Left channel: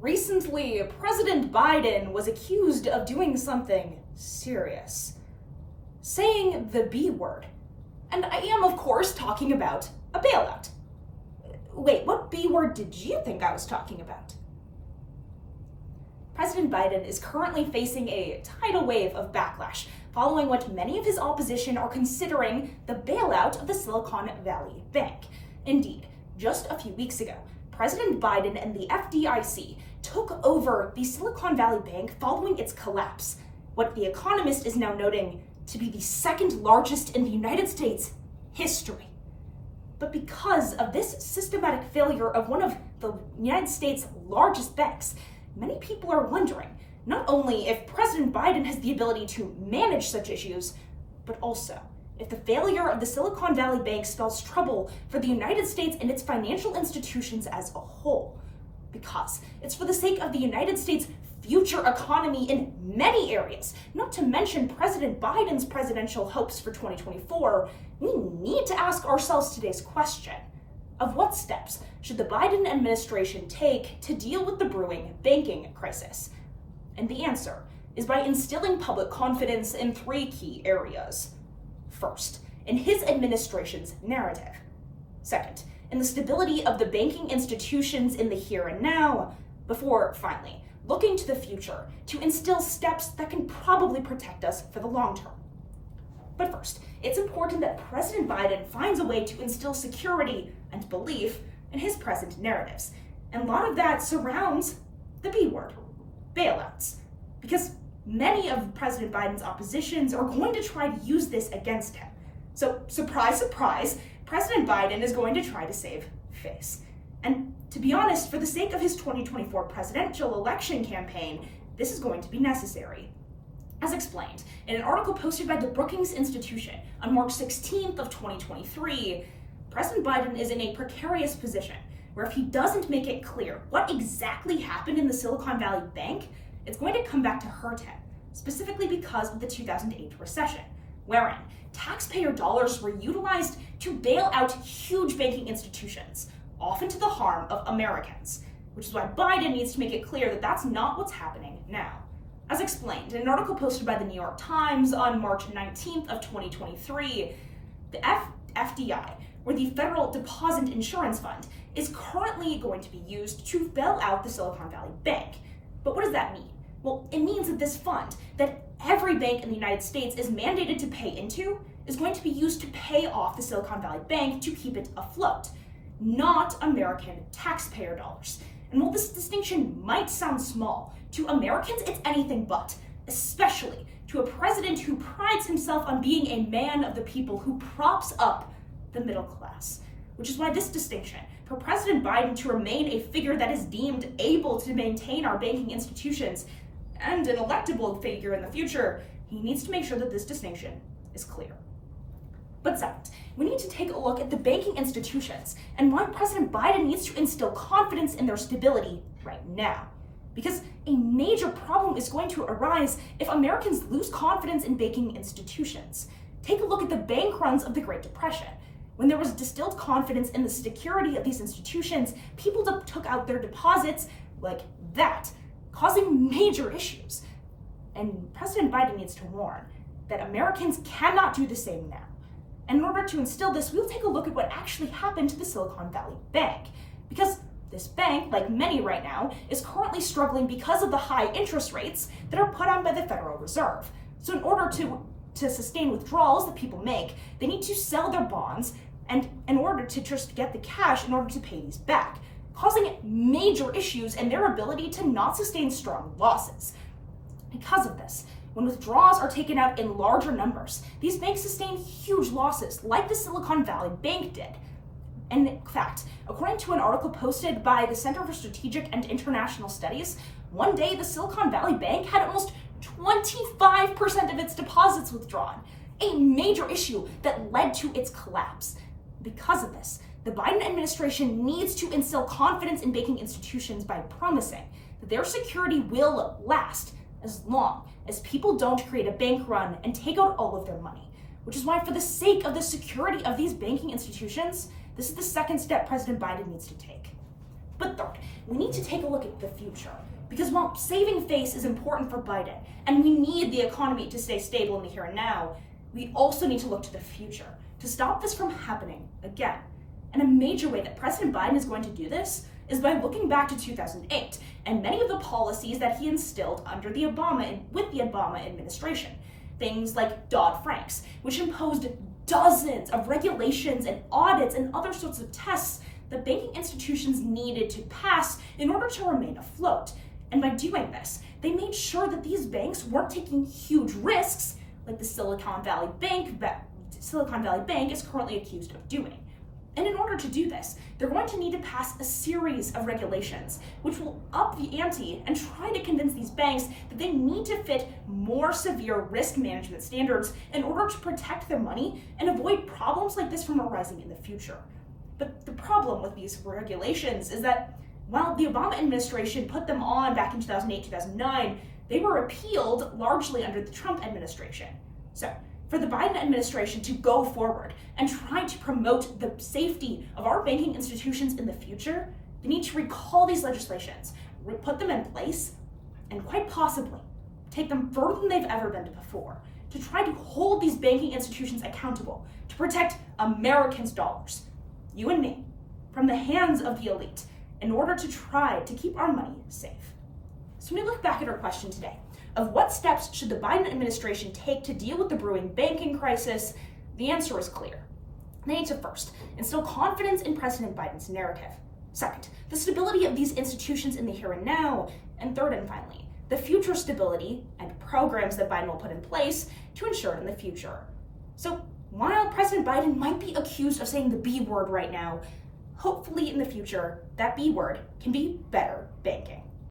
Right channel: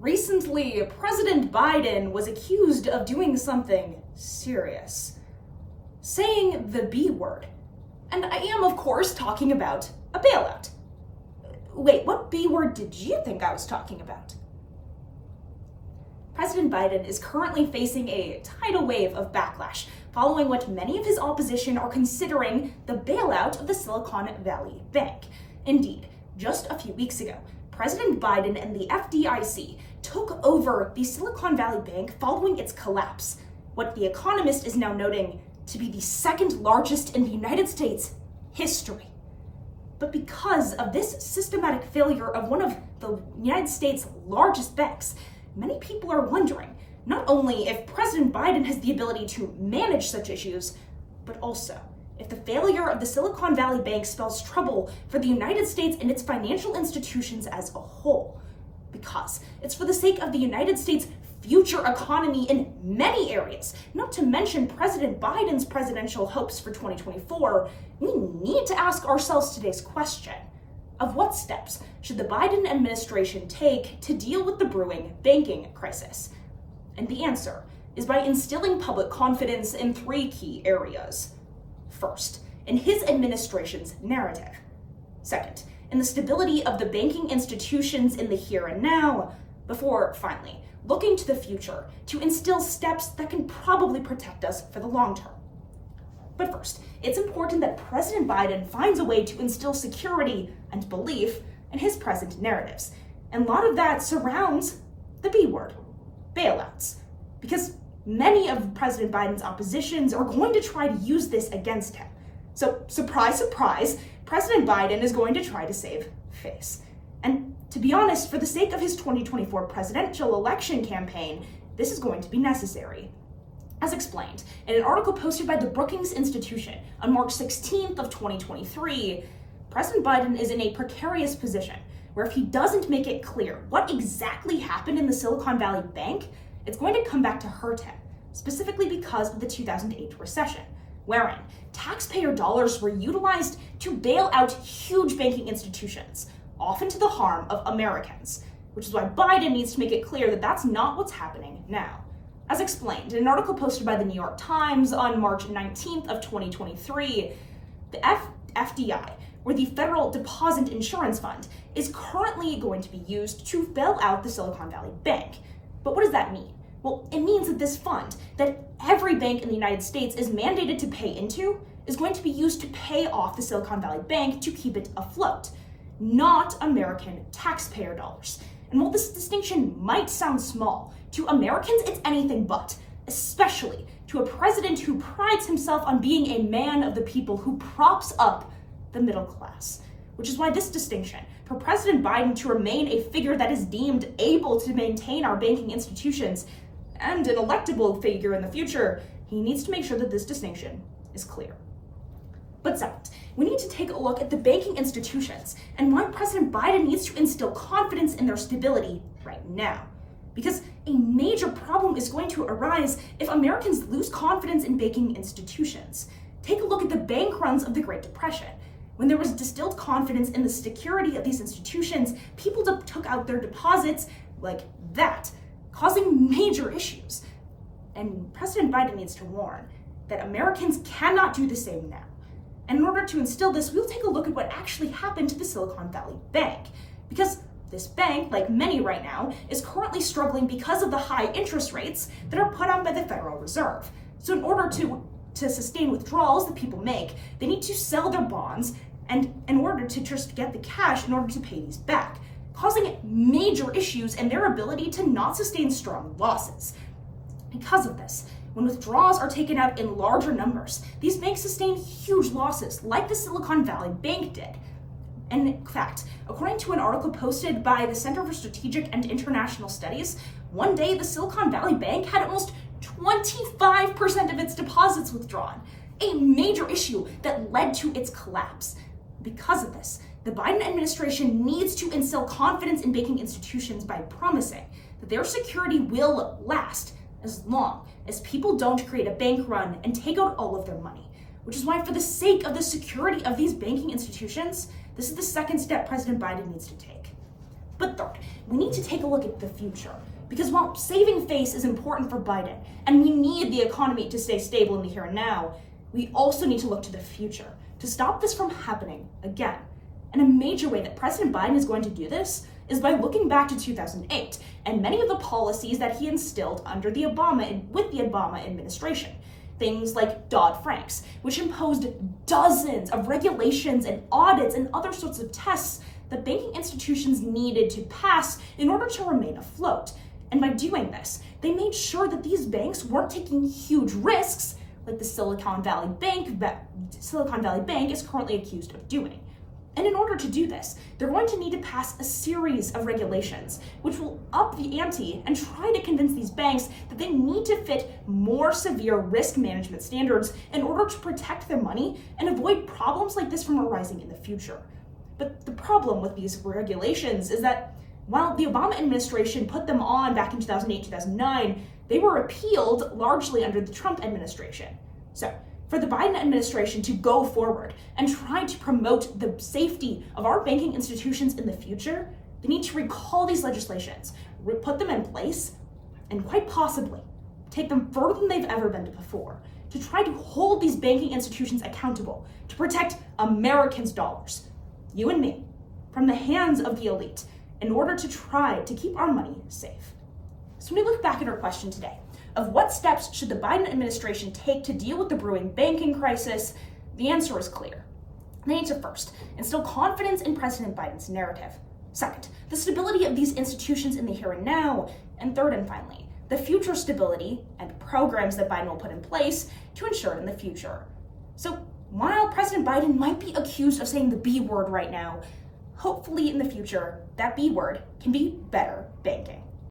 Recently, President Biden was accused of doing something serious. Saying the B word. And I am, of course, talking about a bailout. Wait, what B word did you think I was talking about? President Biden is currently facing a tidal wave of backlash following what many of his opposition are considering the bailout of the Silicon Valley Bank. Indeed, just a few weeks ago, President Biden and the FDIC took over the Silicon Valley Bank following its collapse, what The Economist is now noting to be the second largest in the United States history. But because of this systematic failure of one of the United States' largest banks, many people are wondering not only if President Biden has the ability to manage such issues, but also if the failure of the Silicon Valley Bank spells trouble for the United States and its financial institutions as a whole. Because it's for the sake of the United States' future economy in many areas, not to mention President Biden's presidential hopes for 2024, we need to ask ourselves today's question of what steps should the Biden administration take to deal with the brewing banking crisis? And the answer is by instilling public confidence in three key areas. First, in his administration's narrative. Second, in the stability of the banking institutions in the here and now, before finally looking to the future to instill steps that can probably protect us for the long term. But first, it's important that President Biden finds a way to instill security and belief in his present narratives. And a lot of that surrounds the B word, bailouts. Because many of President Biden's oppositions are going to try to use this against him. So, surprise, surprise, President Biden is going to try to save face. And to be honest, for the sake of his 2024 presidential election campaign, this is going to be necessary. As explained in an article posted by the Brookings Institution on March 16th of 2023, President Biden is in a precarious position where if he doesn't make it clear what exactly happened in the Silicon Valley Bank, it's going to come back to hurt him, specifically because of the 2008 recession, wherein taxpayer dollars were utilized to bail out huge banking institutions, often to the harm of Americans, which is why Biden needs to make it clear that that's not what's happening now. As explained in an article posted by the New York Times on March 19th of 2023, the FDI, or the Federal Deposit Insurance Fund, is currently going to be used to bail out the Silicon Valley Bank. But what does that mean? Well, it means that this fund, that every bank in the United States is mandated to pay into, is going to be used to pay off the Silicon Valley Bank to keep it afloat, not American taxpayer dollars. And while this distinction might sound small, to Americans it's anything but, especially to a president who prides himself on being a man of the people who props up the middle class. Which is why this distinction, for President Biden to remain a figure that is deemed able to maintain our banking institutions and an electable figure in the future, he needs to make sure that this distinction is clear. But second, we need to take a look at the banking institutions and why President Biden needs to instill confidence in their stability right now. Because a major problem is going to arise if Americans lose confidence in banking institutions. Take a look at the bank runs of the Great Depression. When there was distilled confidence in the security of these institutions, people took out their deposits like that, causing major issues. And President Biden needs to warn that Americans cannot do the same now. And in order to instill this, we'll take a look at what actually happened to the Silicon Valley Bank. Because this bank, like many right now, is currently struggling because of the high interest rates that are put on by the Federal Reserve. So in order to sustain withdrawals that people make, they need to sell their bonds and in order to just get the cash in order to pay these back, causing major issues in their ability to not sustain strong losses. Because of this, when withdrawals are taken out in larger numbers, these banks sustain huge losses, like the Silicon Valley Bank did. And in fact, according to an article posted by the Center for Strategic and International Studies, one day the Silicon Valley Bank had almost 25% of its deposits withdrawn, a major issue that led to its collapse. Because of this, the Biden administration needs to instill confidence in banking institutions by promising that their security will last as long as people don't create a bank run and take out all of their money. Which is why, for the sake of the security of these banking institutions, this is the second step President Biden needs to take. But third, we need to take a look at the future. Because while saving face is important for Biden, and we need the economy to stay stable in the here and now, we also need to look to the future to stop this from happening again. And a major way that President Biden is going to do this is by looking back to 2008 and many of the policies that he instilled under the Obama administration. Things like Dodd-Frank's, which imposed dozens of regulations and audits and other sorts of tests that banking institutions needed to pass in order to remain afloat. And by doing this, they made sure that these banks weren't taking huge risks like the Silicon Valley Bank is currently accused of doing. And in order to do this, they're going to need to pass a series of regulations, which will up the ante and try to convince these banks that they need to fit more severe risk management standards in order to protect their money and avoid problems like this from arising in the future. But the problem with these regulations is that while the Obama administration put them on back in 2008, 2009, they were repealed largely under the Trump administration. So, for the Biden administration to go forward and try to promote the safety of our banking institutions in the future, they need to recall these legislations, put them in place, and quite possibly take them further than they've ever been before to try to hold these banking institutions accountable to protect Americans' dollars, you and me, from the hands of the elite in order to try to keep our money safe. So when we look back at our question today of what steps should the Biden administration take to deal with the brewing banking crisis, the answer is clear. They need to first instill confidence in President Biden's narrative. Second, the stability of these institutions in the here and now. And third and finally, the future stability and programs that Biden will put in place to ensure it in the future. So while President Biden might be accused of saying the B word right now, hopefully in the future, that B word can be better banking.